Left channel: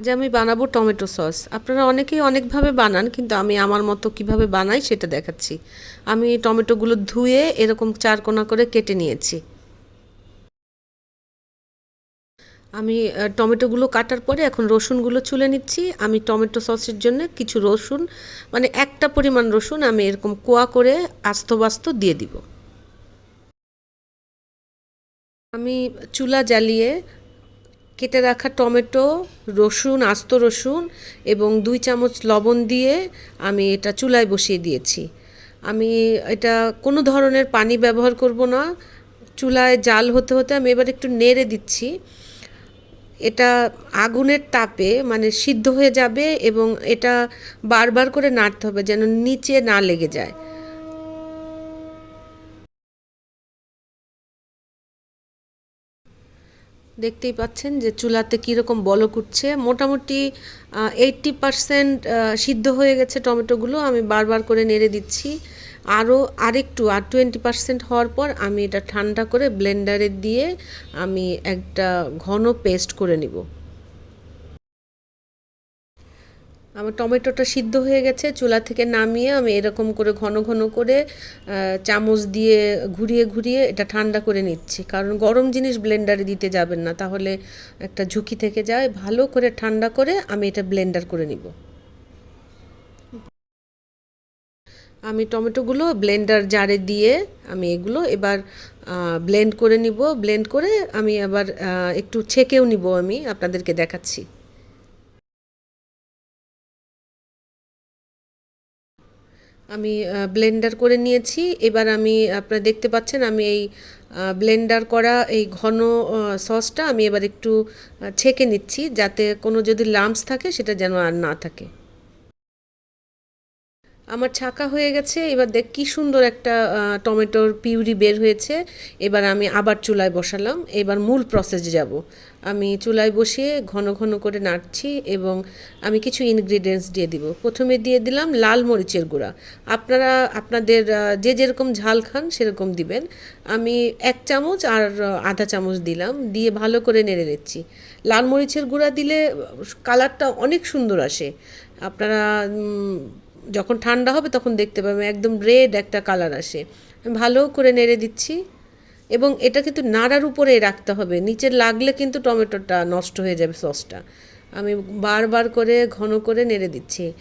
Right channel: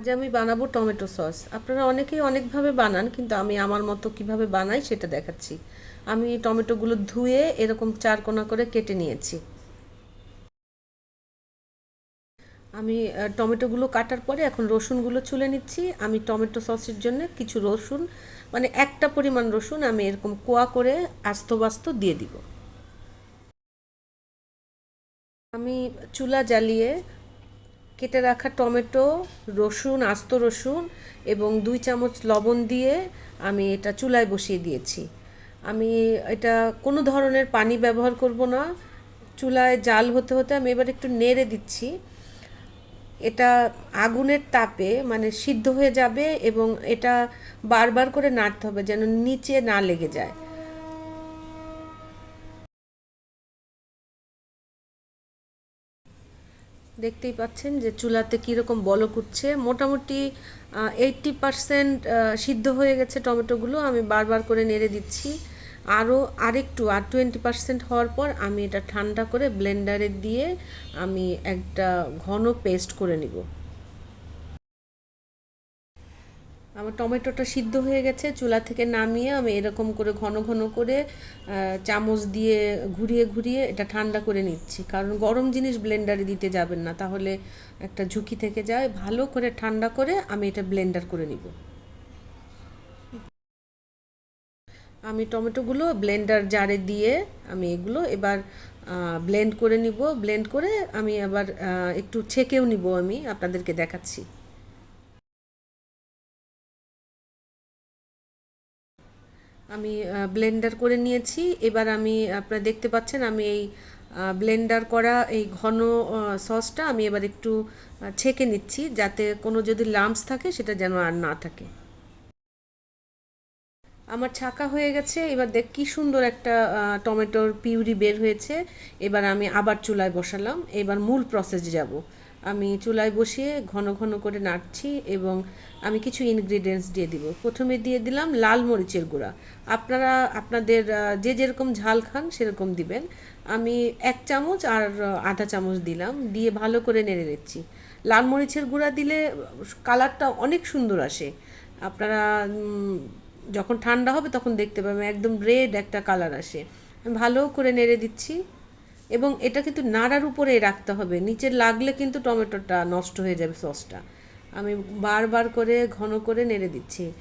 আজ আমি বানাবো টমেটো সস। আপনারা অনেকেই অনেকভাবে বানান, কিন্তু আমি আমার মতো কীভাবে বানাই সেটা দেখাচ্ছি। আমি টমেটোগুলো ধুয়ে এরকম চারকোনা করে কেটে নিয়েছি। আমি টমেটোগুলো কাটার পরে এখন রসুনগুলো চুলে নিচ্ছি। আমি টমেটো সসের জন্য কিছু রসুন মানে একটা পরিমাণ রসুন আমি এরকম কোয়া করে আস্ত বাস্ত দিয়ে দিব। আমি চুলা জ্বালিয়ে কেটে রাখা টমেটো, রসুন, আস্ত রসুন এবং দুই চামচ লবণ দিয়ে আমি এটা চুলায় বসিয়ে দিয়েছি। আমি এটা কোনো ধরনের পানি ব্যবহার করব না। চুলায় জাল হতে হতে আমি এবার একটু নেড়ে দিচ্ছি। এটা আগুনের তাপে মানে সিদ্ধ হয়ে যাবে এবং এটা বারবার করে নাড়তে হবে যেন নিচে না লেগে যায়। দেখতেই পাচ্ছেন যে চুলাতে কীরকম বলক উঠছে। মোটামুটি এইট্টি পারসেন্ট সিদ্ধ হয়ে গেছে টমেটোগুলো। আমি বারবার করে নেড়ে দিচ্ছি। আরও আরেকটু, আর টোয়েন্টি পারসেন্ট হওয়ার পর আমি এটা ঠান্ডা করে ব্লেন্ডারে দিয়ে আমি একটা ঘন পেস্ট করে নিব। টমেটোটা সিদ্ধ হয়ে গেছে, চুলা থেকে নামিয়ে আমি এরকম করে ঘন ঘন করে চামচ দিয়ে ঘুরিয়ে ঘুরিয়ে এটা ঠান্ডা করে নিচ্ছি। কারণ গরম জিনিস ব্লেন্ডারে দিতে যাবেন না, তাহলে একটা ঝুঁকি থেকে যায়। ভালো করে ঠান্ডা করে আমি এটা ব্লেন্ডার করে নিব। আমি টমেটোগুলো ব্লেন্ডার জারে দিয়ে আমি এগুলো এবার ব্লেন্ড করে নিব। ব্লেন্ড করে আমি আবার একটু ছেঁকেও নিব আমি, আপনাদেরকে দেখাচ্ছি। আমি ব্লেন্ডার করে নিয়েছি। এবার আমি, আপনারা দেখতে পাচ্ছেন আমি এই ব্লেন্ডার করা এই ঘন সসটা আমি এবার একটু ছেঁকে নিচ্ছি যাতে কোনো যদি লাম্পস থাকে সেটা যেন আর না থাকে। আমার ছাকা হয়ে গেছে, এবার দেখ কি সুন্দর একটা টমেটোর পিউরি বের হয়েছে। এবার আমি আবার চুলায় বসালাম, এবার মূল প্রসেসে যাব। আমি চুলায় বসিয়ে ঘন ঘন করে নাড়ছি এবং আমি কিছু ইনগ্রিডিয়েন্টস দিয়ে দিব। প্রথমে দিয়ে দিলাম লাল মরিচের গুঁড়া। আপনারা, আপনাদের যে যেরকম ঝাল খান সেরকম দিবেন। আমি এক চামচ আর আধা চামচ দিলাম, দিয়ে ভালো করে নেড়ে নিচ্ছি। লাল মরিচের গুঁড়া দিলে, কালারটা অনেক সুন্দর আসে। আপনারা যখন ঠান্ডা হবে তখন দেখতে পাবেন একদম রেড একটা কালার আসে। আমি ভালো করে নেড়ে দিচ্ছি। এবং এটা কিন্তু নাড়ার উপরে রাখতে হবে। নিচে লাগলে কিন্তু টমেটোটা নষ্ট হয়ে যাবে সসটা। আমি বারবার করে, ঘন করে নেড়ে দিচ্ছি।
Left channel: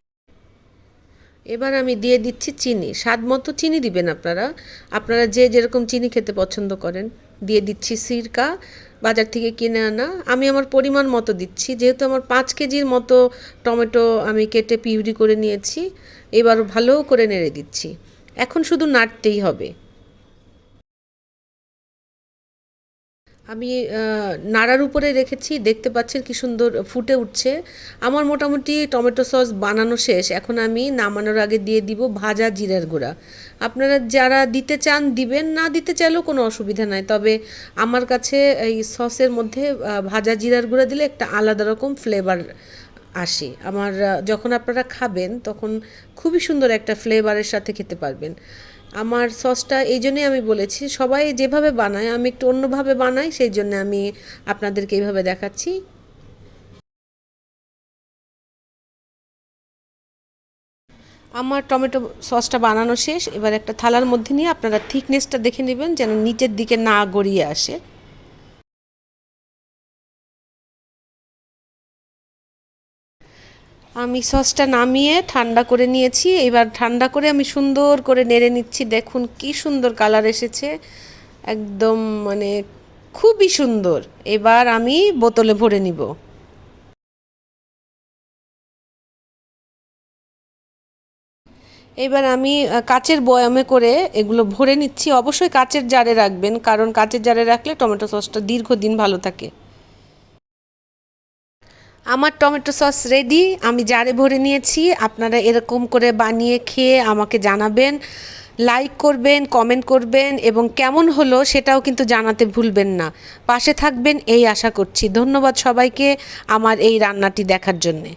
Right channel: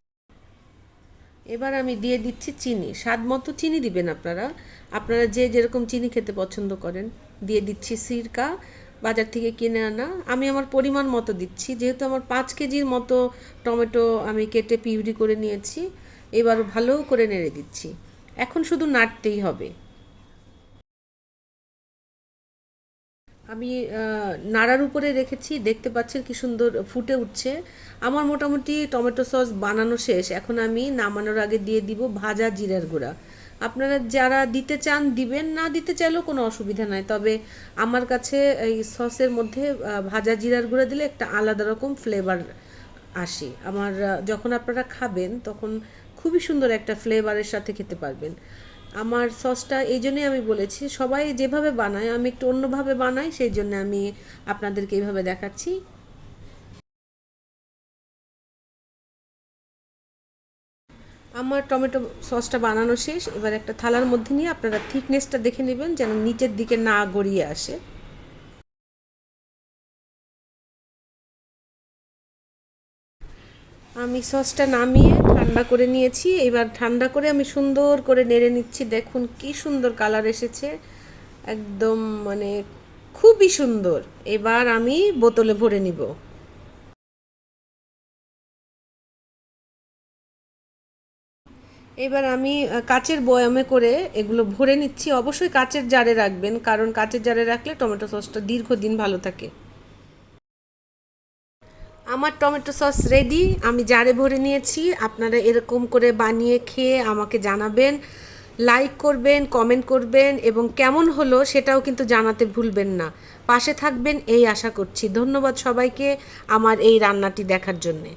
এবার আমি দিয়ে দিচ্ছি চিনি। স্বাদ মতো চিনি দিবেন আপনারা। আপনারা যে যেরকম চিনি খেতে পছন্দ করেন। দিয়ে দিচ্ছি সিরকা। বাজার থেকে কিনে আনা। আমি আমার পরিমাণ মতো দিচ্ছি। যেহেতু আমার পাঁচ কেজির মতো টমেটো আমি কেটে পিউরি করে নিয়েছি, এবার ভালো করে নেড়ে দিচ্ছি। এখন শুধু নাড়তেই হবে। আমি নাড়ার উপরে রেখেছি। দেখতে পাচ্ছেন কি সুন্দর ফুটে উঠছে। আমার মোটামুটি টমেটো সস বানানো শেষ। এখন আমি নামানোর আগে দিয়ে দিব ভাজা জিরার গুঁড়া। আপনারা যারা দিতে চান, দিবেন, না দিতে চাইলেও কোনো অসুবিধা নাই। তবে আমার কাছে এই সসের মধ্যে ভাজা জিরার গুঁড়া দিলে একটা আলাদা রকম ফ্লেভার আসে। আমার যখন আপনারা খাবেন, তখন খুবই সুন্দর একটা ফ্লেভারের সাথে খেতে পারবেন। আমার সসটা এই জন্যই আমি বলেছি, সবাই যেভাবে বানায়, আমি একটু অন্যভাবে বানাই, সেই জন্য আমি আপনাদেরকে এইভাবে দেখাচ্ছি। আমার টমেটো সসটা বানানো শেষ। এবার একটা থালার মধ্যে নিয়ে আপনারা থিকনেসটা দেখে নেবেন যেন নিচের দিকে না গড়িয়ে আসে। আমি সসটা নামিয়ে ঠান্ডা করে নিয়েছি। এবার ঠান্ডা করে আমি সুন্দর করে নেড়ে নিচ্ছি। দেখুন কি সুন্দর কালার এসেছে। একদম মানে খুবই সুন্দর। এবার আমি বোতলে ভরে নিব। এবার আমি কাচের বয়ামে করে এগুলো ভরে নিচ্ছি। অবশ্যই কাচের জারে রাখবেন, কারণ কাচের জারে রাখলে টমেটো সসটা দীর্ঘদিন ভালো থাকে। আমার টমেটো সস রেডি আমি জারে ভরে নিয়েছি। আপনারা এরকম করে বানিয়ে খেয়ে আমাকে জানাবেন লাইক করবেন কমেন্ট করবেন, এবং কেমন হলো সেটাও কিন্তু জানাতে ভুলবেন না। পাশে থাকবেন, এই আশা করছি। ধন্যবাদ সবাইকে আমার এই রান্নাটি দেখার জন্যে।